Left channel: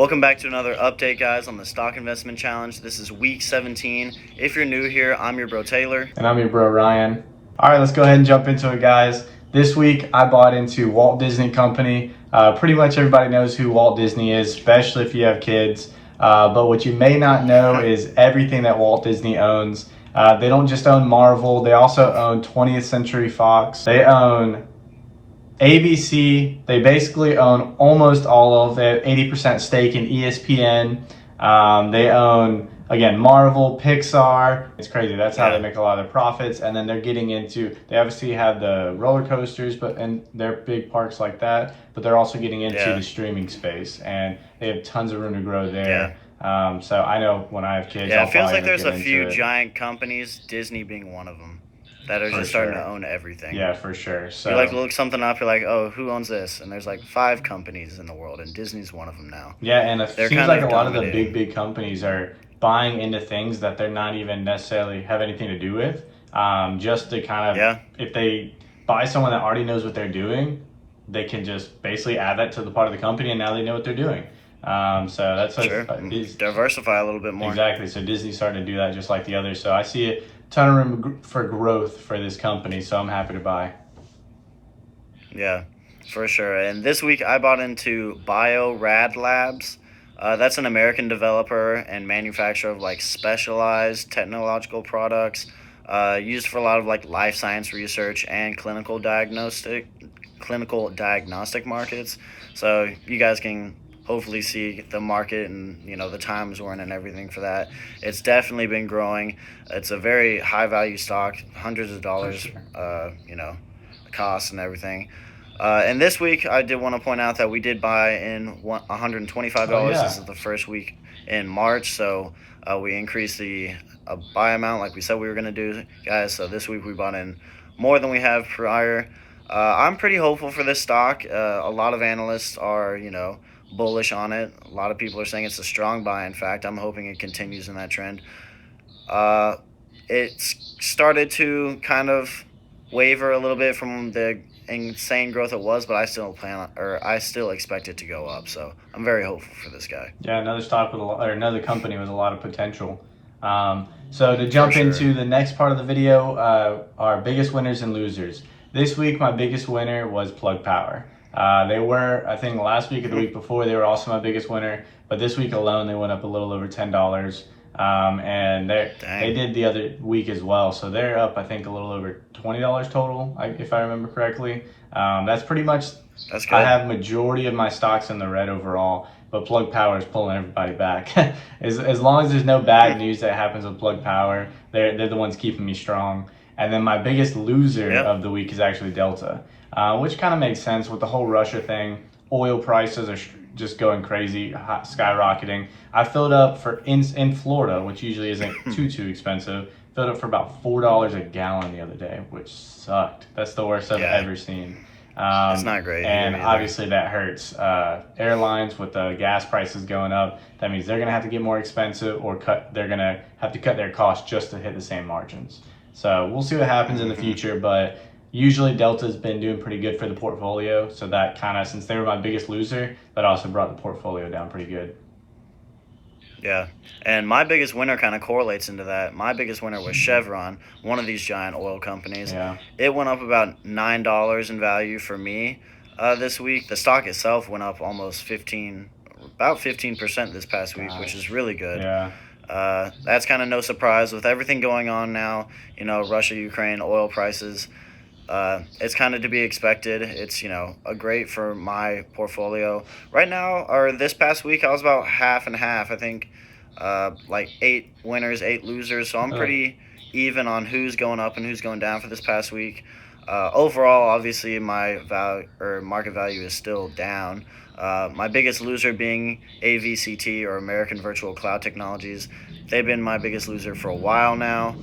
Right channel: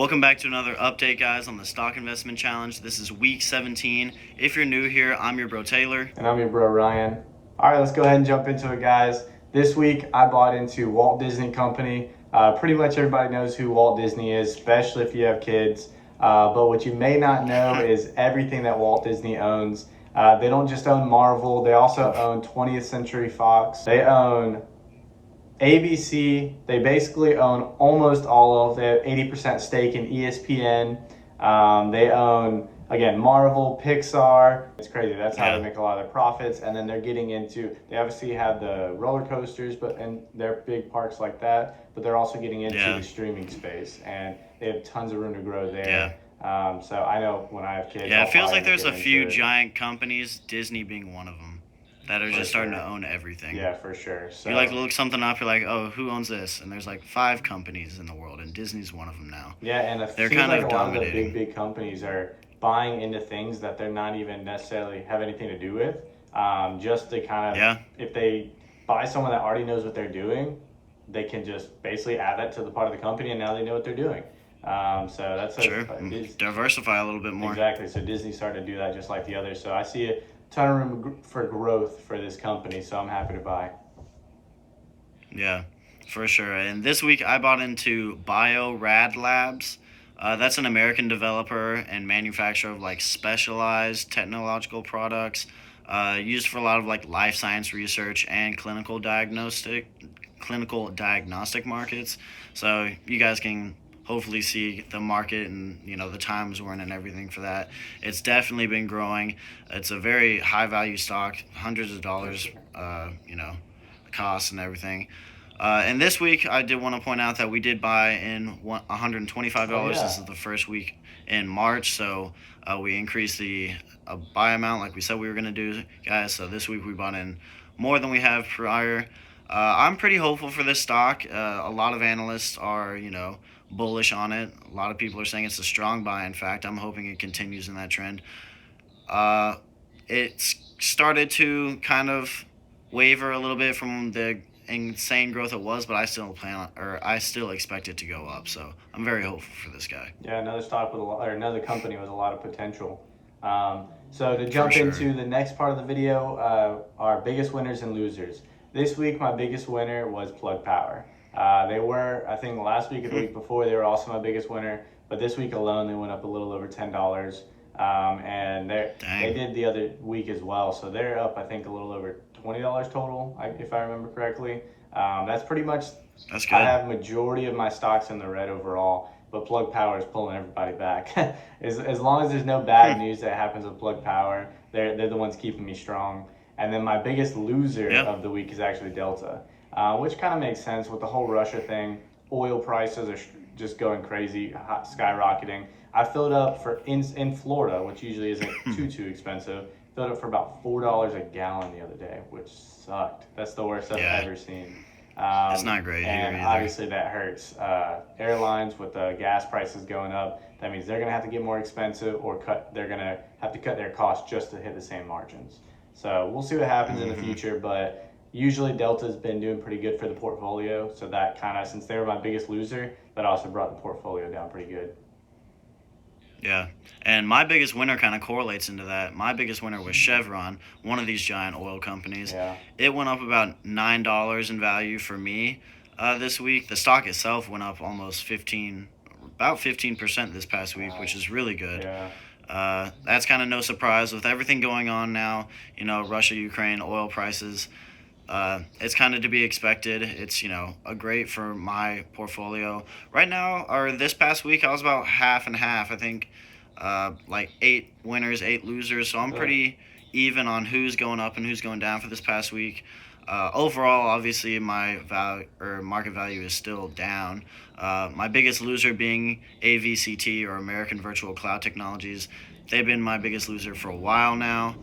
Welcome back to another update, guys, on the Stock Investment Challenge. This is week 17. If you're new here, I'm your bro Taylor. And I'm your bro Ryan. All right, let's go ahead and jump into it, guys. This week, I bought into Walt Disney Company. Pretty much everybody knows who Walt Disney is, especially if you have kids. But what you may not know is everything that Walt Disney owns. They don't just own Marvel, they also own 20th Century Fox. They own ABC. They basically own almost all of it, 80% stake in ESPN. They own, again, Marvel, Pixar. It's crazy. That's how they make a lot of their profits. And then they're getting into, they obviously have the roller coasters, and they're big parks like that, but they're also getting into the streaming space, and they have tons of room to grow there. So I know when I have kids. Yeah, it feels like there's a few giant companies, Disney being one of them, that are just starting to own everything. Yeah, for sure. So you look something up, you're like, oh, who owns this? And there's like 5 companies in the world, and Disney's one of them now. Yeah, and it seems like a lot of the big companies are buying into things that they're not even necessarily have anything to do with, just to kind of, if they buy someone that already knows what they're doing, they can just basically add that to the part of the company, and now they know what they're doing. So that's diversify a little bit more. Exactly. So Disney started to do that just like the others. So I see a ton of room for growth for this company, so I'm happy to buy. Yeah, for sure. And this week I bought into Rad Labs. That's an American developer and manufacturer of like specialized technological products used for a lot of like life science research and clinical diagnostic markets. So you guys can hopefully see the market and the times we're in and everything for that. It's definitely been growing. It's a very high value stock, hundreds of dollars, the cost and everything. And this week I did want to point out that we did buy in $125. This is the first week in March, so we increased the buy amount like we said we were going to do, guys. So this week we bought in more than we have prior. I'm pretty hopeful for this stock. A lot of analysts are, bullish on it. A lot of people are saying it's a strong buy. In fact, I'm hoping it continues in that trend. It's started to kind of waver a little bit from the insane growth it was, but I still expect it to go up. So I'm very hopeful for this guy. Yeah, another company with a lot of potential. So to jump into the next part of the video, our biggest winners and losers. This week, my biggest winner was Plug Power. They were, I think last week and the week before, they were also my biggest winner. But this week alone, they went up a little over $10. And they did the other week as well. So they're up, I think, a little over $20 total, if I remember correctly. That's pretty much, that's good. I have majority of my stocks in the red overall, but Plug Power is pulling everybody back. as long as there's no bad news that happens with Plug Power, they're the ones keeping me strong. And then my biggest loser of the week is actually Delta. Which kind of makes sense with the whole Russia thing. Oil prices are just going crazy, skyrocketing. I filled up in Florida, which usually isn't too expensive. Filled up for about $4 a gallon the other day, which sucked. That's the worst I've ever seen. It's not great. And obviously that hurts. Airlines with the gas prices going up, that means they're gonna have to get more expensive, or they're gonna have to cut their costs just to hit the same margins. So we'll see what happens in the future, but usually Delta's been doing pretty good for the portfolio, so that kind of, since they were my biggest loser, that also brought the portfolio down pretty good. Yeah, and my biggest winner kind of correlates into that. My biggest winner was Chevron, one of these giant oil companies. Yeah. It went up about $9 in value for me this week. The stock itself went up almost about 15% this past week, which is really good. Yeah. That's kind of no surprise with everything going on now, Russia, Ukraine, oil prices. It's kind of to be expected. It's, a great for my portfolio. Right now, or this past week, I was about half and half. I think like 8 winners, 8 losers. So I'm pretty even on who's going up and who's going down for this past week. Overall, obviously, my market value is still down. My biggest loser being AVCT, or American Virtual Cloud Technologies. They've been my biggest loser for a while now.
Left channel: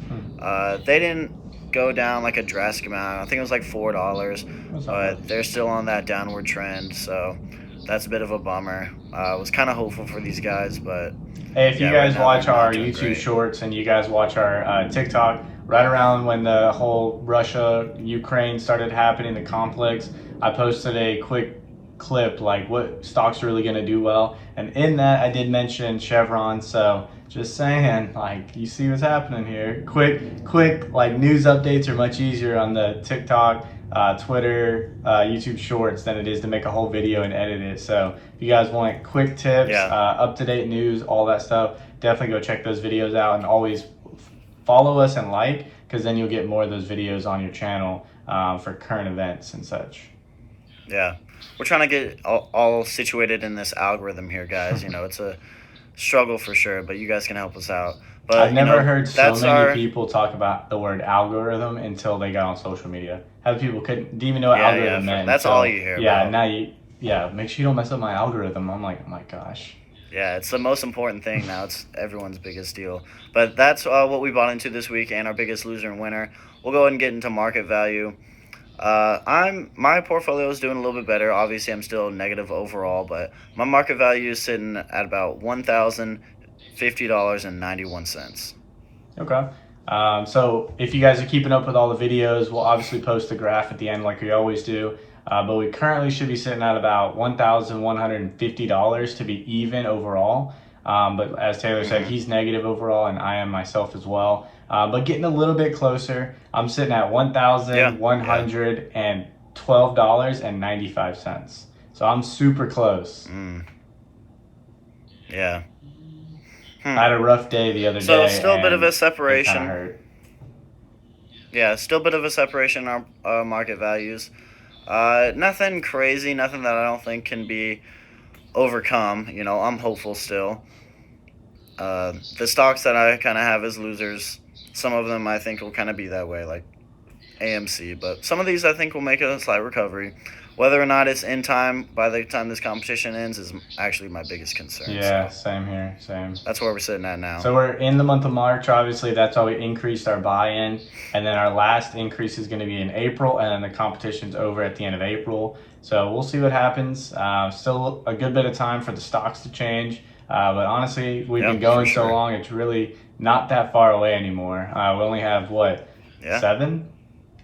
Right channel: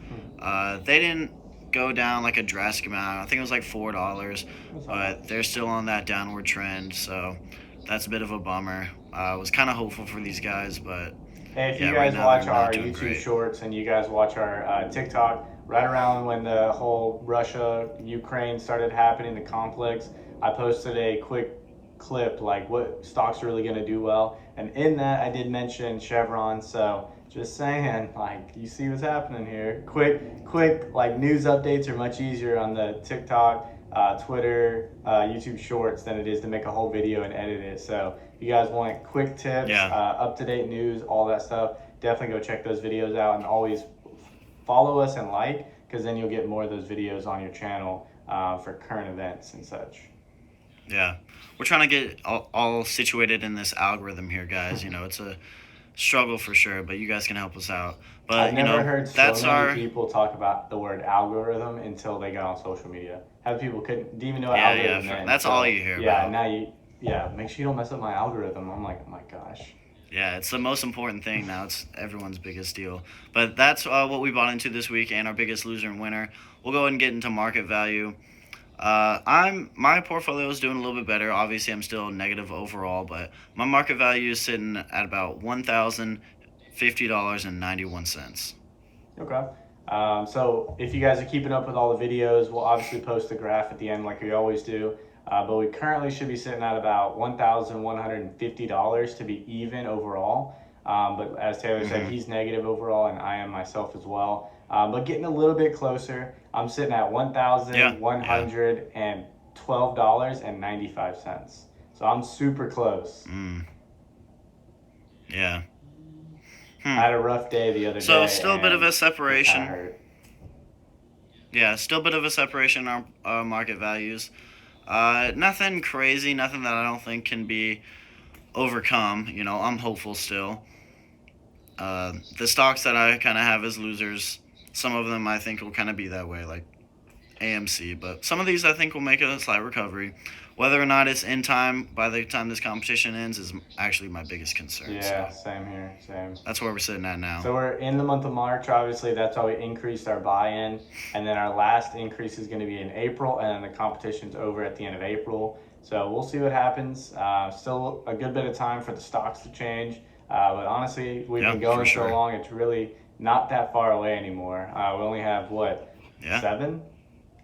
They didn't go down like a drastic amount. I think it was like $4, but they're still on that downward trend, so that's a bit of a bummer. I was kind of hopeful for these guys, but hey, if you guys watch our YouTube shorts and you guys watch our TikTok, right around when the whole Russia-Ukraine started happening, the conflicts, I posted a quick clip, like what stocks are really going to do well. And in that, I did mention Chevron. So just saying, like, you see what's happening here. Quick, like news updates are much easier on the TikTok, Twitter, YouTube Shorts than it is to make a whole video and edit it. So if you guys want quick tips, Yeah. up-to-date news, all that stuff, definitely go check those videos out, and always follow us and like, because then you'll get more of those videos on your channel for current events and such. Yeah, we're trying to get all situated in this algorithm here, guys. You know, it's a struggle for sure, but you guys can help us out. But I've never heard so that's many people talk about the word algorithm until they got on social media. How people didn't even know what algorithm meant. That's all you hear about. Now make sure you don't mess up my algorithm. I'm like, oh my gosh. Yeah, it's the most important thing now. It's everyone's biggest deal. But that's what we bought into this week, and our biggest loser and winner. We'll go ahead and get into market value. My portfolio is doing a little bit better. Obviously, I'm still negative overall, but my market value is sitting at about $1,050.91. Okay. So if you guys are keeping up with all the videos, we'll obviously post the graph at the end like we always do. But we currently should be sitting at about $1,150 to be even overall. But as Taylor said, he's negative overall, and I am myself as well. But getting a little bit closer, I'm sitting at $1,112.95. So I'm super close. Yeah. I had a rough day the other day. So still a bit of a separation. Hurt. Yeah, still a bit of a separation in our market values. Nothing crazy, nothing that I don't think can be overcome. You know, I'm hopeful still. The stocks that I kind of have as losers, some of them I think will kind of be that way, like AMC. But some of these I think will make a slight recovery. Whether or not it's in time by the time this competition ends is actually my biggest concern. Yeah, same here, same. That's where we're sitting at now. So we're in the month of March, obviously. That's how we increased our buy-in. And then our last increase is going to be in April, and then the competition's over at the end of April. So we'll see what happens. Still a good bit of time for the stocks to change. But honestly, we've been going so long, it's really not that far away anymore. We only have, 7,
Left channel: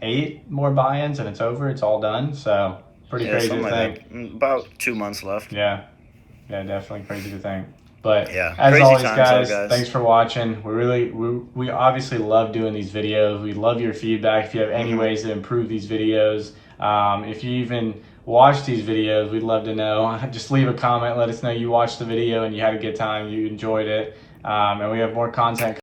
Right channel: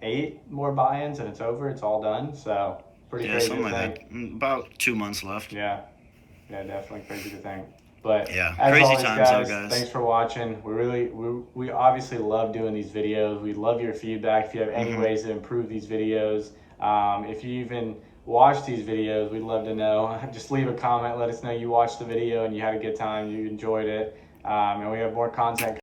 8 more buy-ins, and it's over. It's all done. So pretty crazy something to like think. that. About 2 months left. Yeah, definitely crazy to think. But yeah, as crazy always, times, guys. Thanks for watching. We obviously love doing these videos. We love your feedback. If you have any ways to improve these videos, if you even watch these videos, we'd love to know. Just leave a comment. Let us know you watched the video and you had a good time. You enjoyed it, and we have more content